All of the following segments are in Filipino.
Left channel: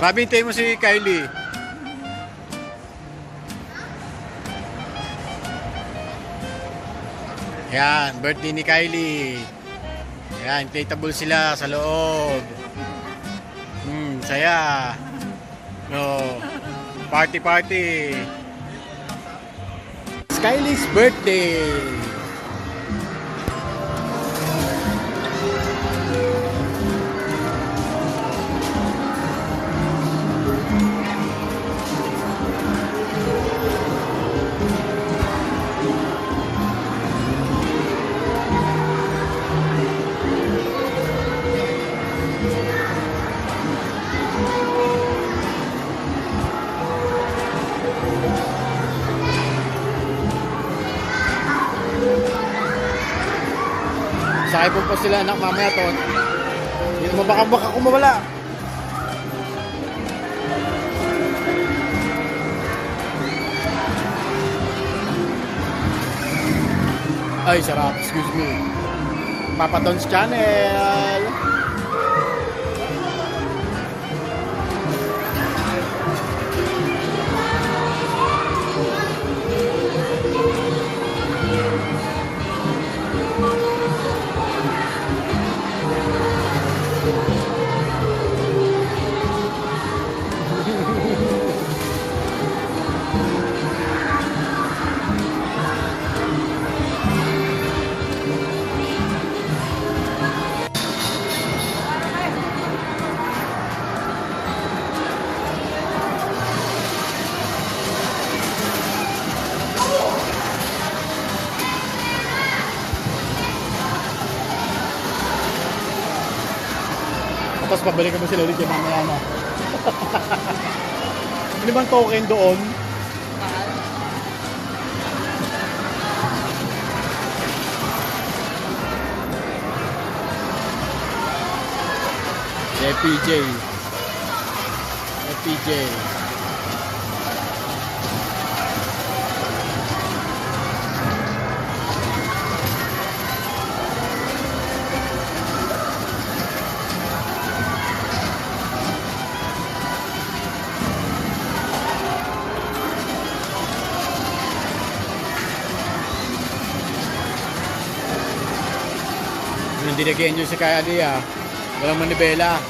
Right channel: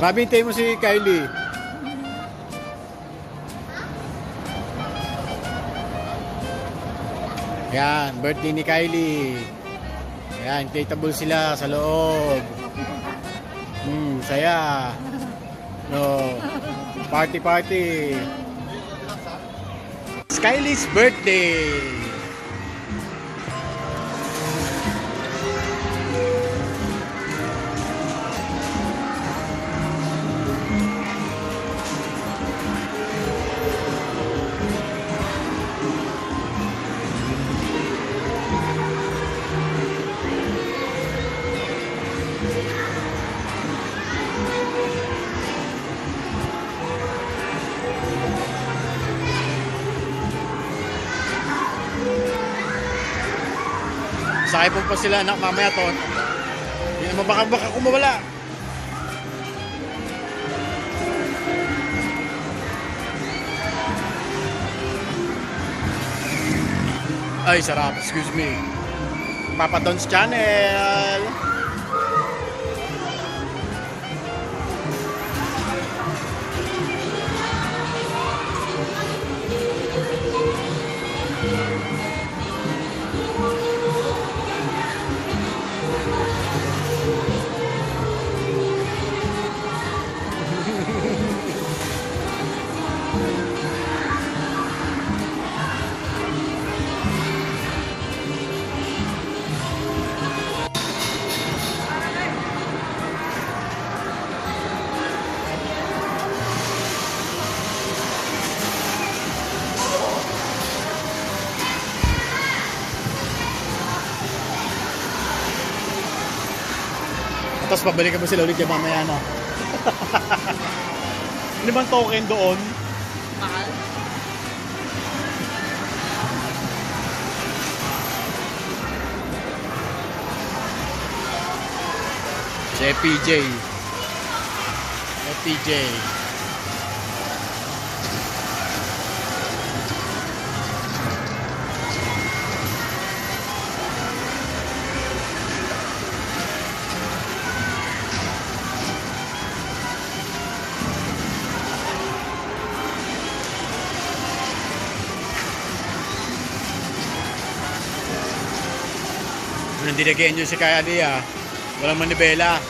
Rabi, hintayin mo si Kylie. Yan, birthday ni Kylie. Yan, inflatable sila sa loob. Saya. No. Party party. Kylie's birthday. Sakay po pa sila anak mamaya to. Hindi naman baka kumawala. Ay sarap, excuse me. Papa Don's Channel. Tapos pabalikan mo sila ulit yung mamaya na. Ano bang token doon? Si FPJ. FPJ. Nandinagyan nyo si Kaya Dia. Walang manibela.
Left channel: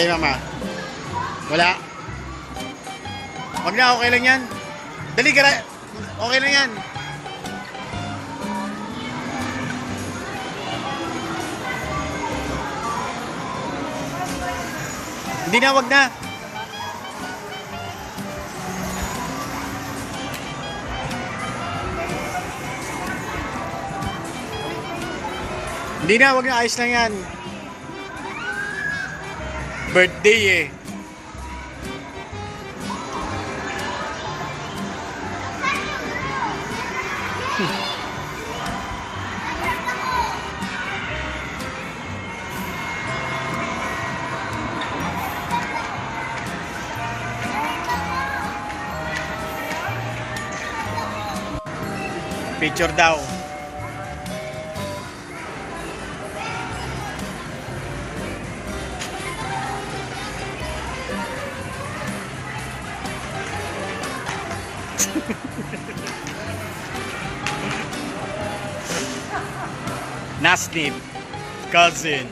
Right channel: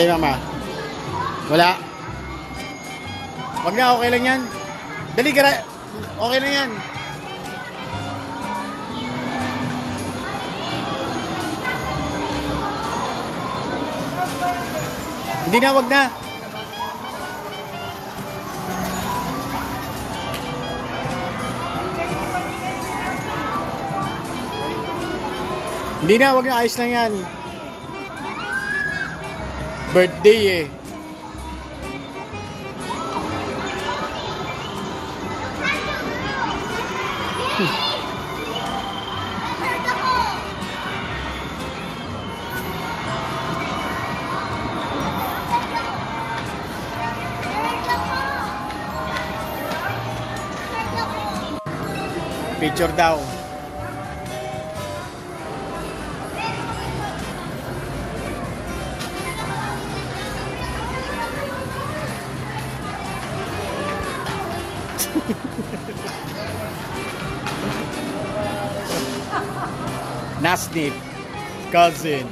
Kay mama. Wala. Wag na, okay lang yan. Dali ka na. Okay na yan. Hindi na, wag na. Hindi na, wag na. Ayos lang yan. Birthday eh. Picture daw. Nasnip, cousin.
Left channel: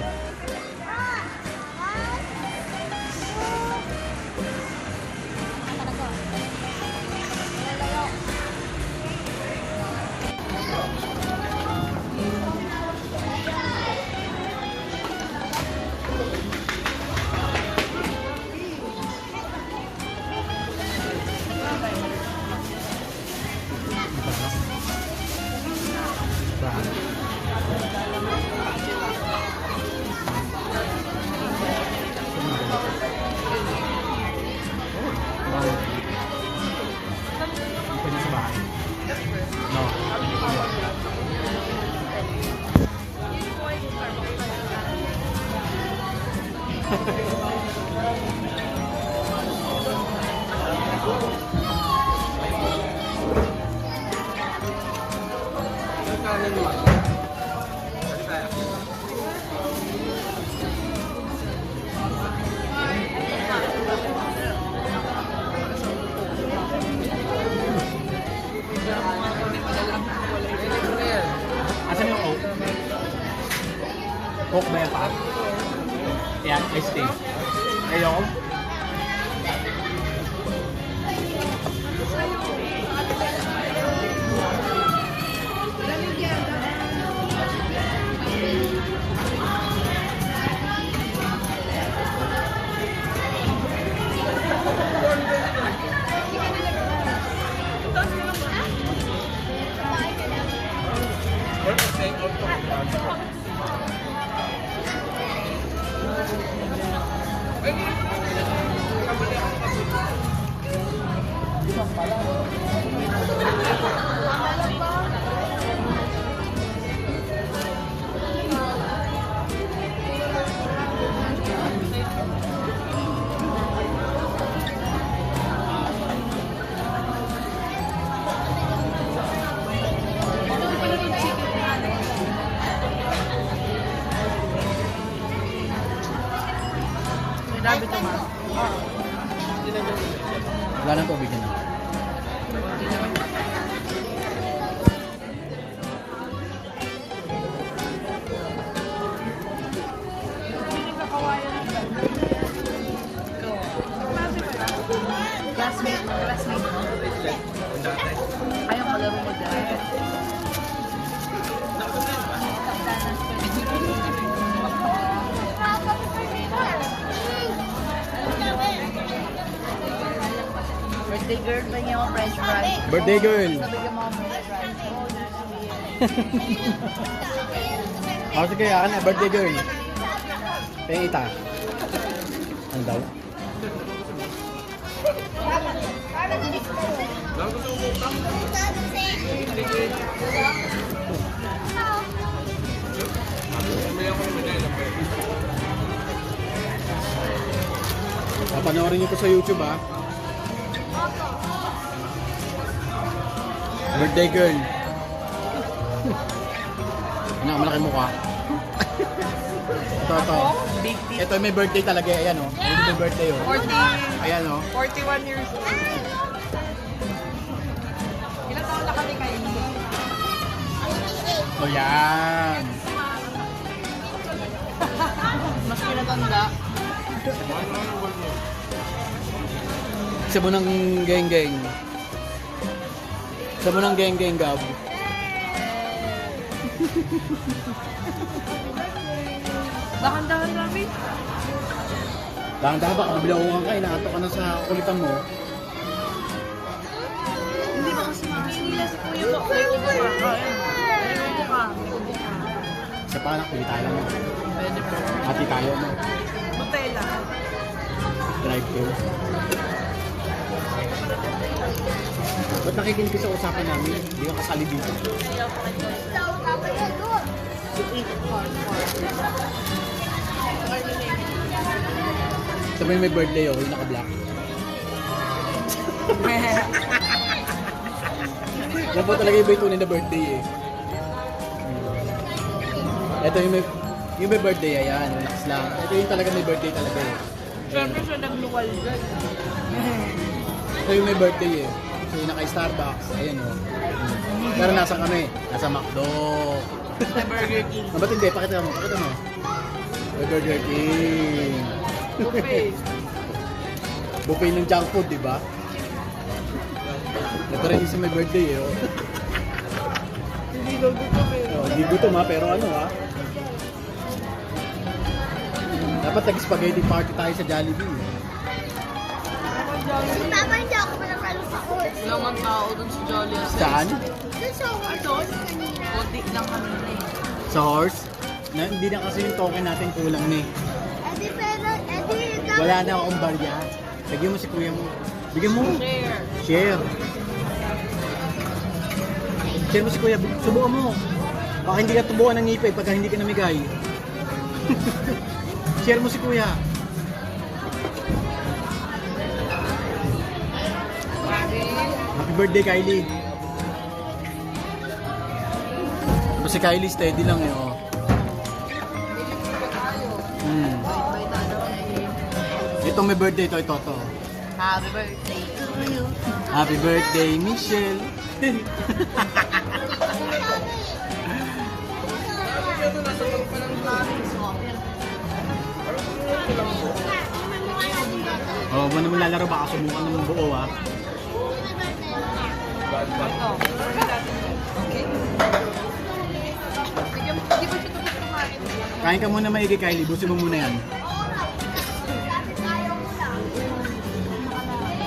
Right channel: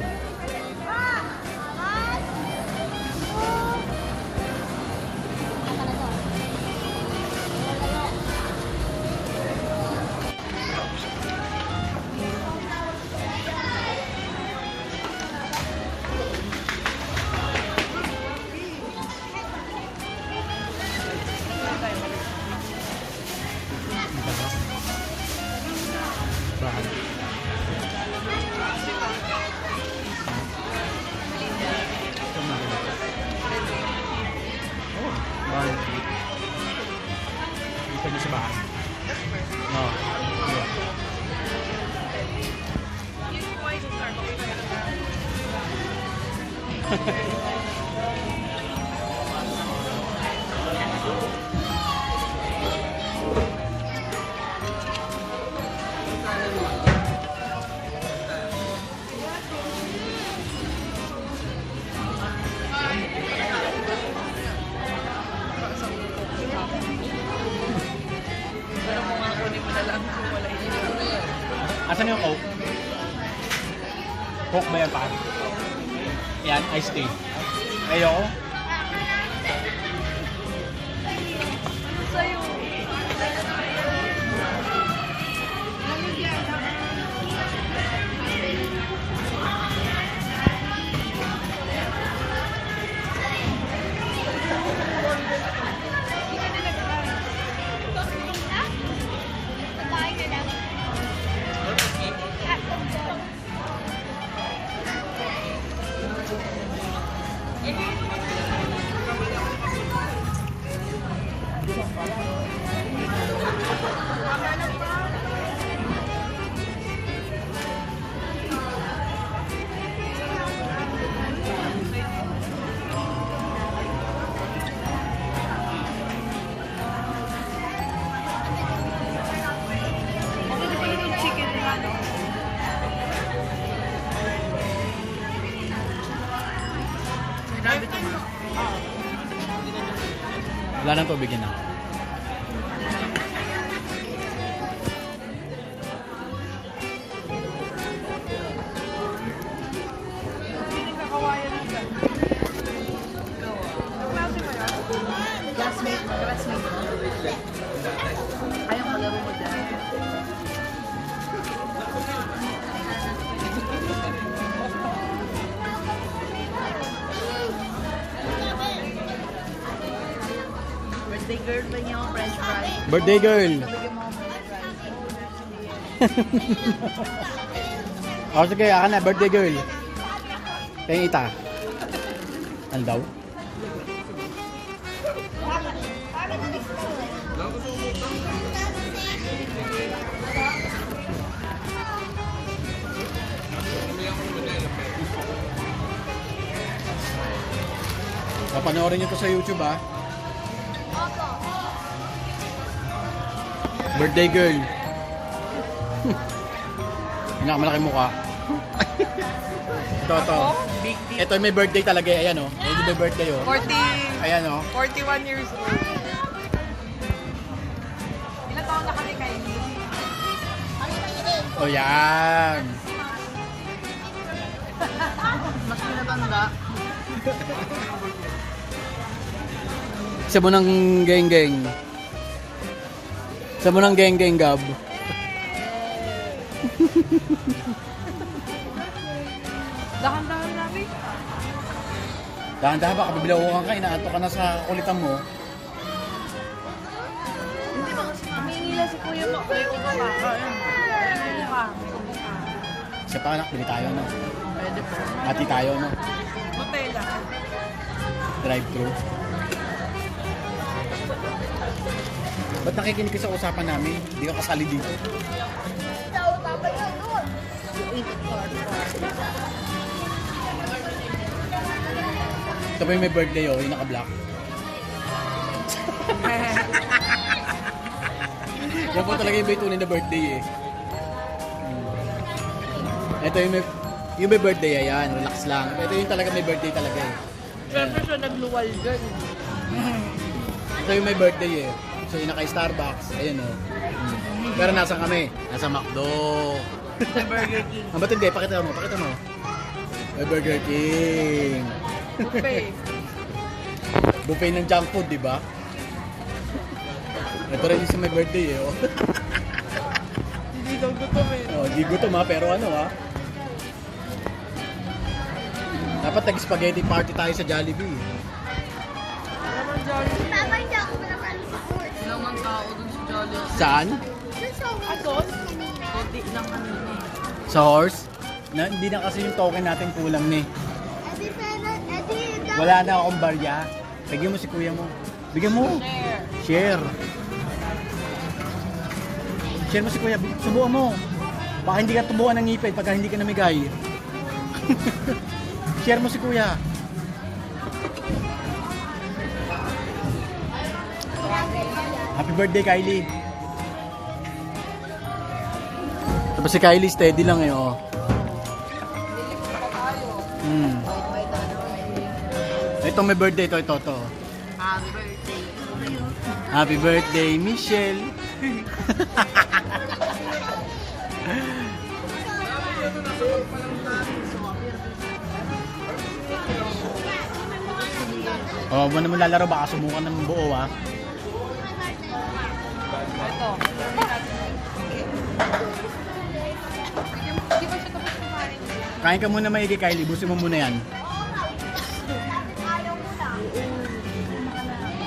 Coke ba yan pa? Yan, iced tea. Ayoko. Wala nang tubig yan. Birthday girl ba niya ako fresh fries? Birthday girl. Bigyan mo ako fresh fries. O sige, akin na, birthday girl. Kaya ita. Ano daw? Papanoorin niyo to sa YouTube ha. Birthday girl. Malaki mukha. Ito. Big deal. Ito may birthday talaga. Ayan o. Ito may birthday o. 40. Ayan o. 41 years old. Ilan taon na kami kayo? O yan. Mas pinatanda. Isa mo ng geng-geng. Isa mo ng geng-geng, Gab. Dahan-dahan namin. Dahan-dahan baka bibilawuhan ka. Inaanto ka na sa kulitan mo. Hindi ba kasi naminila si Kuya? Isa pa anak, bili tayo naman. Pwede po. Hati tayo mo. Nutella. Drive-thru. Ba't nakikinig ka sa usapan namin? Hindi ka kasali dito. Sabi may birthday oh, yung naka-black. Yan po talaga yung baytunin na birthday eh. Ito yung may birthday, ayan, relax lang. Ito yung talaga may birthday talaga eh. Siyempre siya nagluwal dyan. Ito yung may birthday eh. So yung naka-Starbucks, ayan oh. Pero nasan kami? Nasa McDo. Sa Burger King. Ba't hindi? Pakita mo. May Burger King. Buffet. Buffet ng junk food, di ba? Ito rin yung sa may birthday eh. Oh. Hindi ko gutom eh. Oh, di gutom ha, pero ano ha? Dapat nag-spaghetti party tayo sa Jollibee. Ano Jollibee? Tama, hindi ako manakalis ako. Ilang tao dun sa Jollibee. Saan? Dun sa Doon? Hindi lang kami. Sa horse? Hindi na kasi yung token natin kulang ni. Edi, pero, Wala na akong barya. Bigyan mo si kuya mo. Bigyan mo. Share. Share. Share mo si kuya. Subukan mo. Baka hindi ka tubuan ng ngipin pagka hindi ka namigay. Share mo si kuya. Happy birthday, Kylie. Diba si Kylie steady lang eh, oh. Ito may birthday, ito. Happy birthday to you. Happy birthday, Michelle. Sabi niya ito, nasa bag pa lang. Oh, mo naman lalaro, baka subukan ng buo ha. Ito. Okay. Hindi ko siya tapos kumain. Kain ka muna maigi, Kylie. Busin mo muna yan.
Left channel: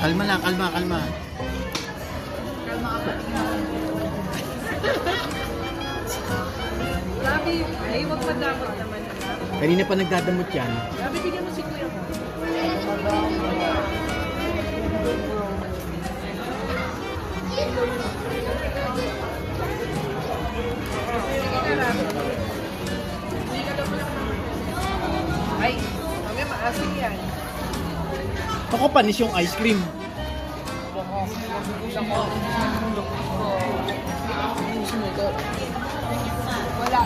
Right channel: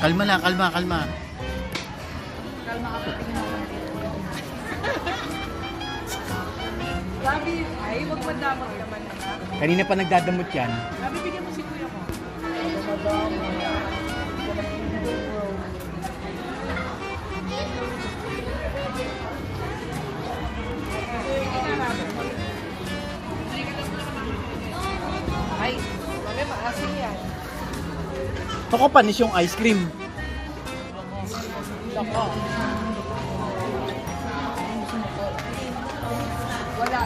Kalma lang, kalma, kalma. Kalma ka patingin. Grabe yung ay, wag madamot naman. Kanina pa nagdadamot yan. Grabe, bigyan mo si Kuya mo. Ay, mami, maasin yan. Ako panis yung ice cream. Wala,